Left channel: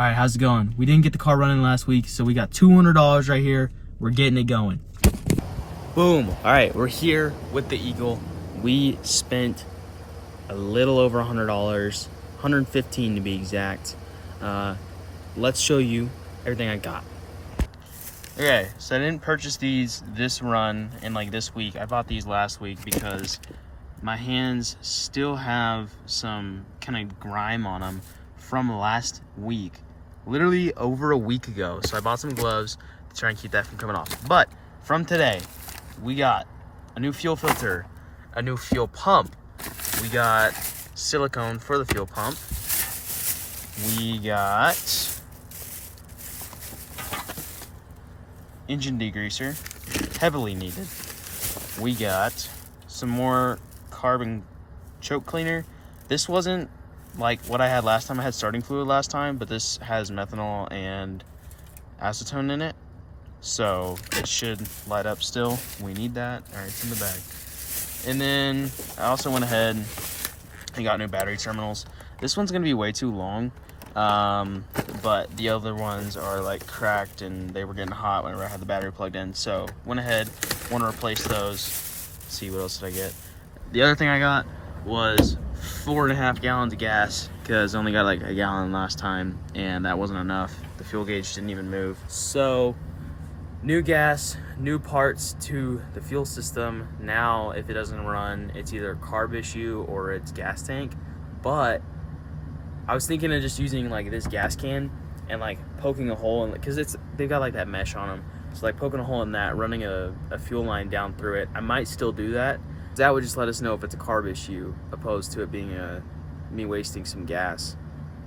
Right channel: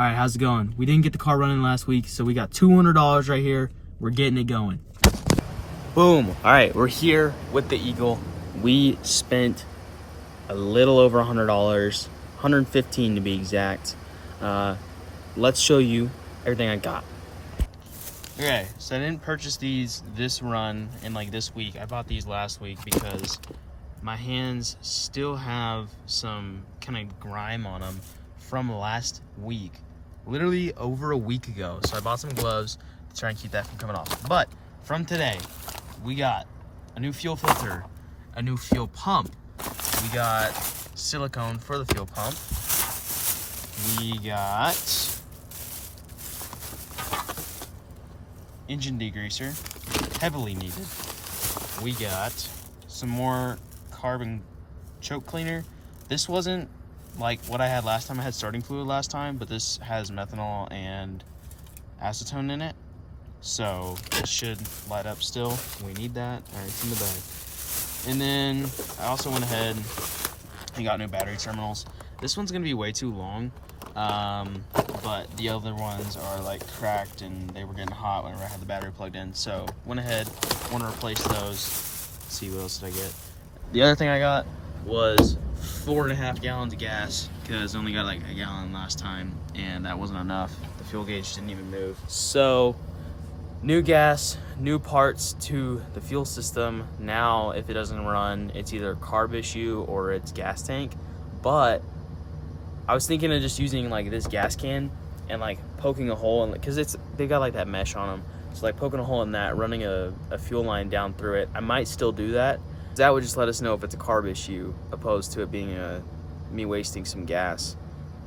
All right, how's it going? We didn't get the car running last week, so we got $200 right here. We're getting it going. Boom. All right, we're here with the Eagle. We spent a little over $100, $115 to be exact. Let's show you everything I got. Okay, so I didn't purchase these this run and like this week. I bought these last week because my hands still have some kind of grime on them from last week, literally over a week ago. So I bought some gloves to try and keep that from coming off. But from today, we got a new fuel filter, a new fuel pump. We got silicone for the fuel pump. We got engine degreaser, heavily needed. We got some more carbon choke cleaner. This wasn't like what I had last time. I had starting fluid last time, but this has methanol and acetone in it, so it should light up still. We need that. All right, it's in the bag. And then I also went ahead and got new battery terminals. This one's gonna be way too long, but the other ones are like cracked and they were getting hot whenever I had the battery plugged in. So went ahead, want to replace those. Let's see, what else did I get? The other thing I got was 4.5 gallons of gas, because I only got like a gallon last time and that wasn't enough. The fuel gauge didn't even move. So new gas, new parts to the fuel system. Now if it doesn't run, it's either a carb issue or it's gas tank. But I was thinking of just using like this gas can and like poking a hole in it, because they've got like that mesh on them. So like poking a hole in that, running a fuel line down through it. I might still do that. That would just let us know if it's a carb issue, opposed to it being me wasting some gas.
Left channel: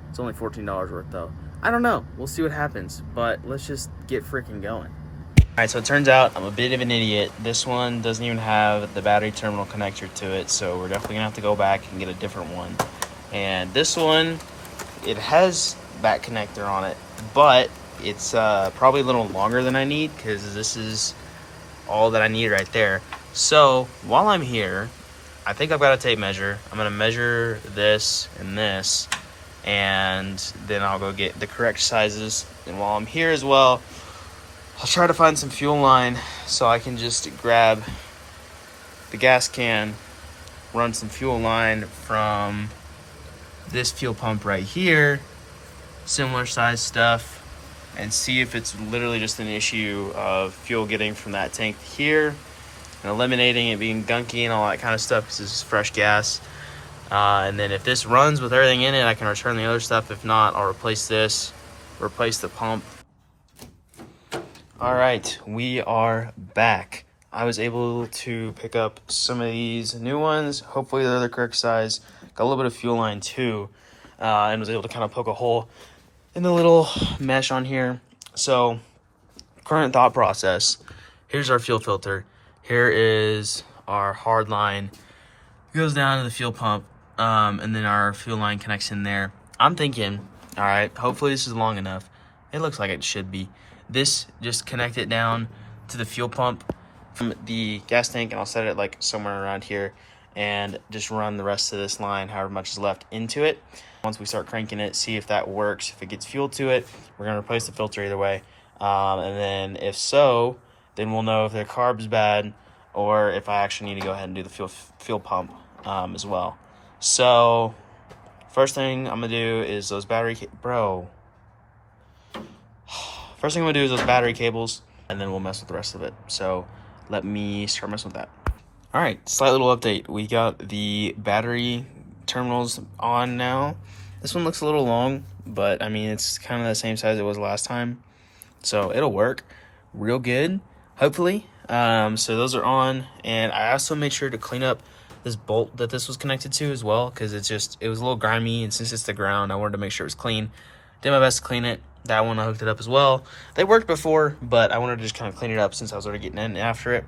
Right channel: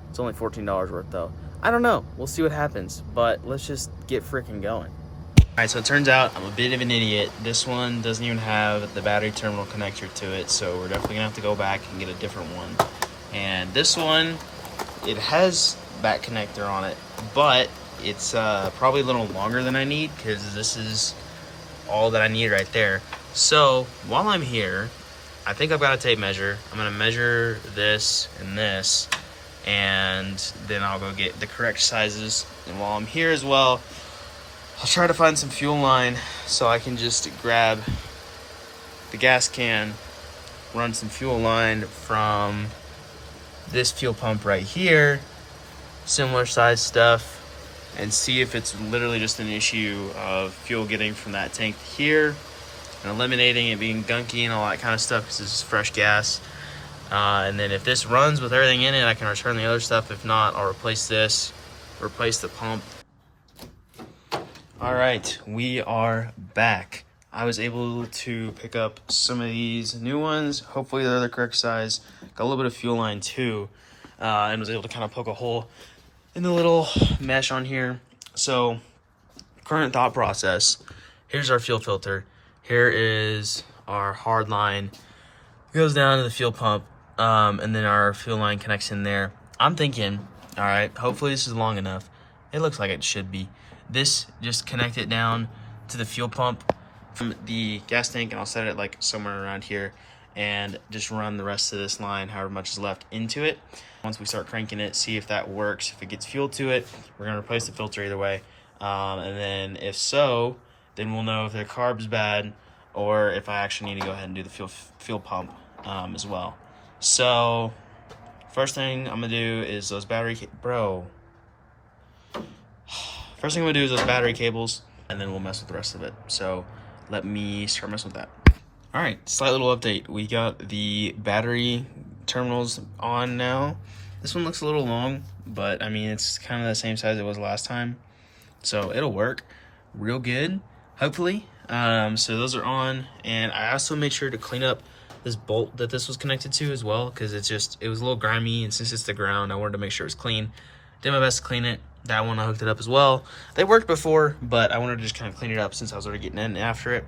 It's only $14 worth though. I don't know, we'll see what happens, but let's just get freaking going. All right, so it turns out I'm a bit of an idiot. This one doesn't even have the battery terminal connector to it, so we're definitely gonna have to go back and get a different one. And this one, it has back connector on it, but it's probably a little longer than I need, because this is all that I need right there. So while I'm here, I think I've got a tape measure. I'm gonna measure this and this, and then I'll go get the correct sizes. And while I'm here as well, I'll try to find some fuel line so I can just grab the gas can, run some fuel line from this fuel pump right here, similar size stuff, and see if it's literally just an issue of fuel getting from that tank to here and eliminating it being gunky and all that kind of stuff, because this is fresh gas. And then if this runs with everything in it, I can return the other stuff. If not, I'll replace this, replace the pump. All right, we are back. I was able to pick up some of these new ones. Hopefully they're the correct size. Got a little bit of fuel line too, and was able to kind of poke a hole in the little mesh on here. So current thought process, here's our fuel filter. Here is our hard line. It goes down to the fuel pump, and then our fuel line connects in there. I'm thinking, all right, hopefully this is long enough. It looks like it should be. This, just connect it down to the fuel pump from the gas tank, and I'll set it like somewhere around here, and just run the rest of this line, however much is left, into it. Once we start cranking it, see if that works. If it gets fuel to it, we're gonna replace the filter either way. And then if so, then we'll know if the carb's bad or if I actually need to go ahead and do the fuel pump as well. So first thing I'm gonna do is those battery First thing I'm gonna do is those battery cables, and then we'll mess with the rest of it. So let me start messing with that. All right, slight little update. We got the battery terminals on now. This one looks a little long, but I mean, it's kind of the same size it was last time, so it'll work real good, hopefully. So those are on, and I also made sure to clean up this bolt that this was connected to as well, because it was a little grimy, and since it's the ground, I wanted to make sure it was clean. Did my best to clean it. That one I hooked it up as well. They worked before, but I wanted to just kind of clean it up since I was already getting in after it.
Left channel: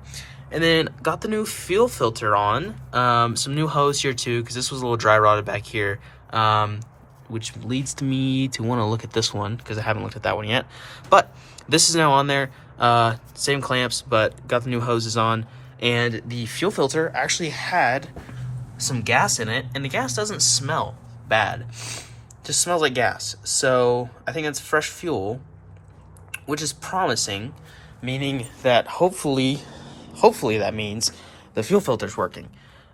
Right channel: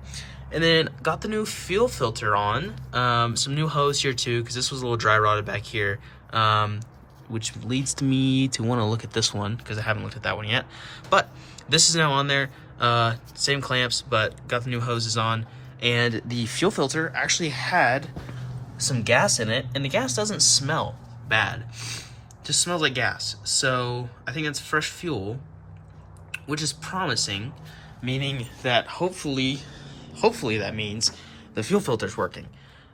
And then got the new fuel filter on. Some new hose here too, because this was a little dry rotted back here, which leads to me to want to look at this one, because I haven't looked at that one yet. But this is now on there. Same clamps, but got the new hoses on. And the fuel filter actually had some gas in it, and the gas doesn't smell bad. just smells like gas. So I think it's fresh fuel, which is promising, meaning that hopefully that means the fuel filter's working.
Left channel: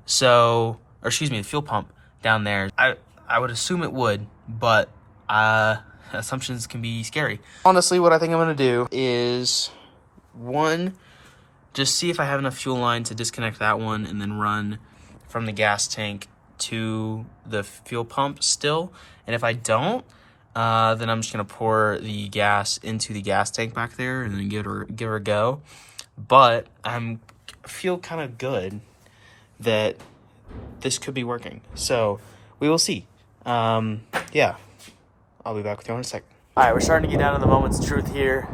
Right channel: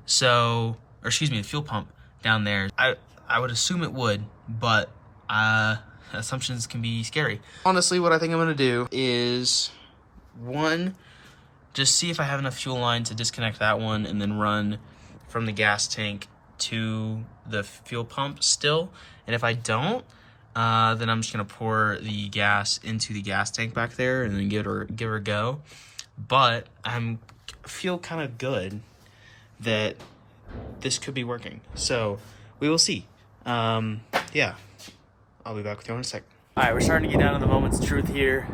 So, or excuse me, the fuel pump down there. I would assume it would, but assumptions can be scary. Honestly, what I think I'm gonna do is, one, just see if I have enough fuel line to disconnect that one and then run from the gas tank to the fuel pump still. And if I don't, then I'm just gonna pour the gas into the gas tank back there and then give her a go. But I feel kind of good that this could be working. So we will see. Yeah, I'll be back with you in a sec. All right, we're starting to get down to the moment's truth here.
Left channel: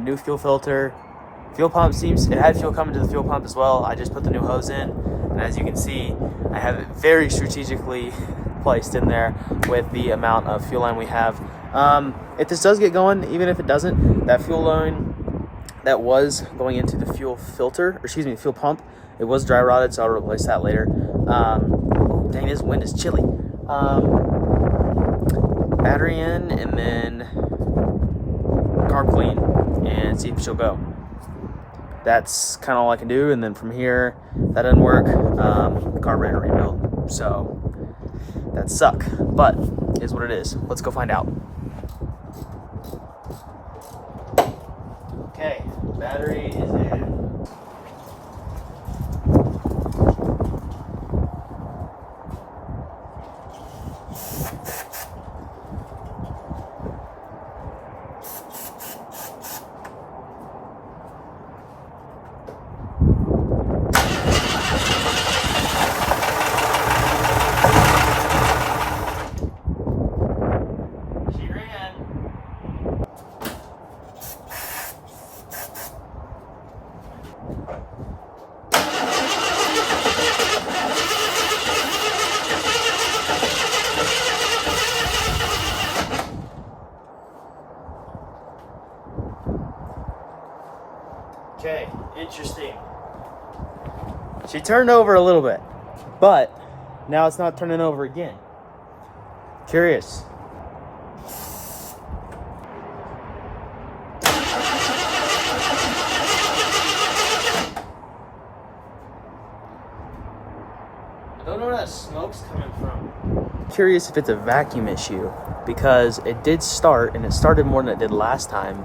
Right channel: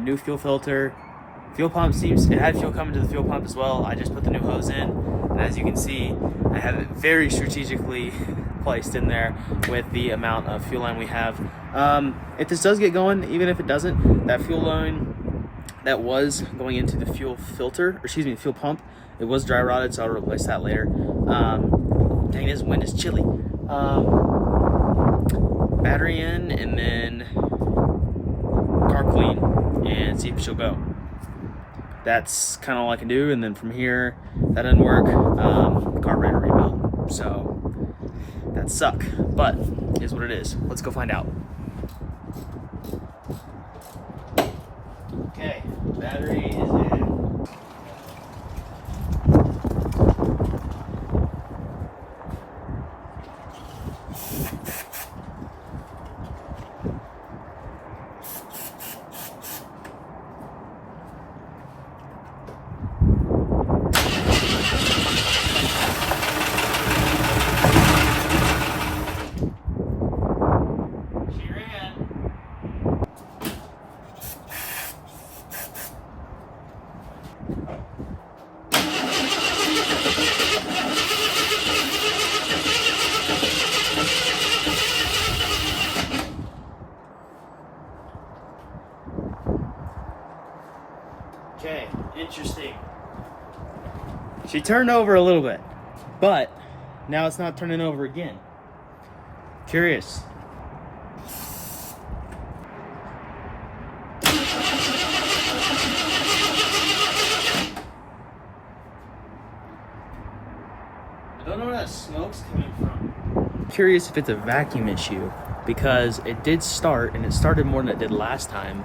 New fuel filter. Fuel pump it had fuel coming to the fuel pump as well. I just put the new hose in, and as you can see, I have it very strategically placed in there with the amount of fuel line we have. If this does get going, even if it doesn't, that fuel line that was going into the fuel filter, or excuse me, the fuel pump, it was dry rotted, so I'll replace that later. Dang, this wind is chilly. Battery in, and then carb clean, and see if she'll go. That's kind of all I can do, and then from here, that didn't work, carburetor rebuild. So that suck, but is what it is. Let's go find out. Okay, battery is in. Okay, interesting. She turned over a little bit, but now it's not turning over again. Curious. I don't know where that smoke's coming from. Curious if it's a vacuum issue, because it did start, and it started more than it did last time,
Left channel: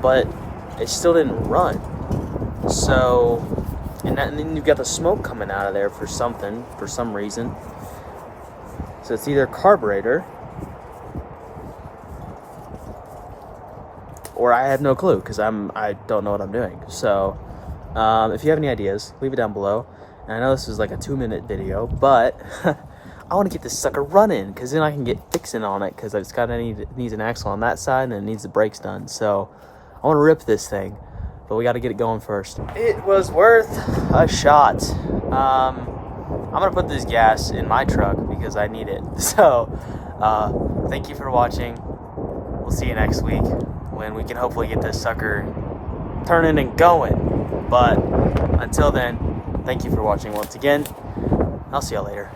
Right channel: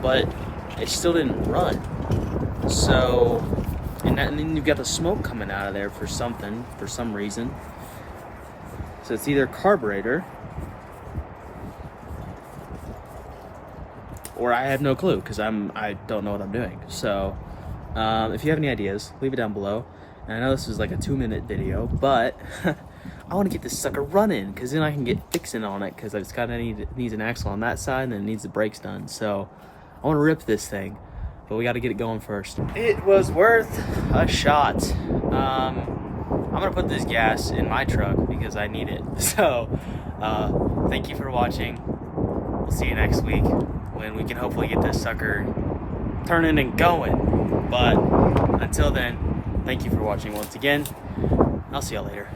but it still didn't run. So, and then you've got the smoke coming out of there for some reason. So it's either carburetor, or I have no clue, because I don't know what I'm doing. So, if you have any ideas, leave it down below. And I know this was like a 2-minute video, but I want to get this sucker running, because then I can get fixing on it, because it's needs an axle on that side, and it needs the brakes done. So I want to rip this thing, but we got to get it going first. It was worth a shot. I'm gonna put this gas in my truck because I need it. So thank you for watching. We'll see you next week when we can hopefully get this sucker turning and going. But until then, thank you for watching once again. I'll see you later.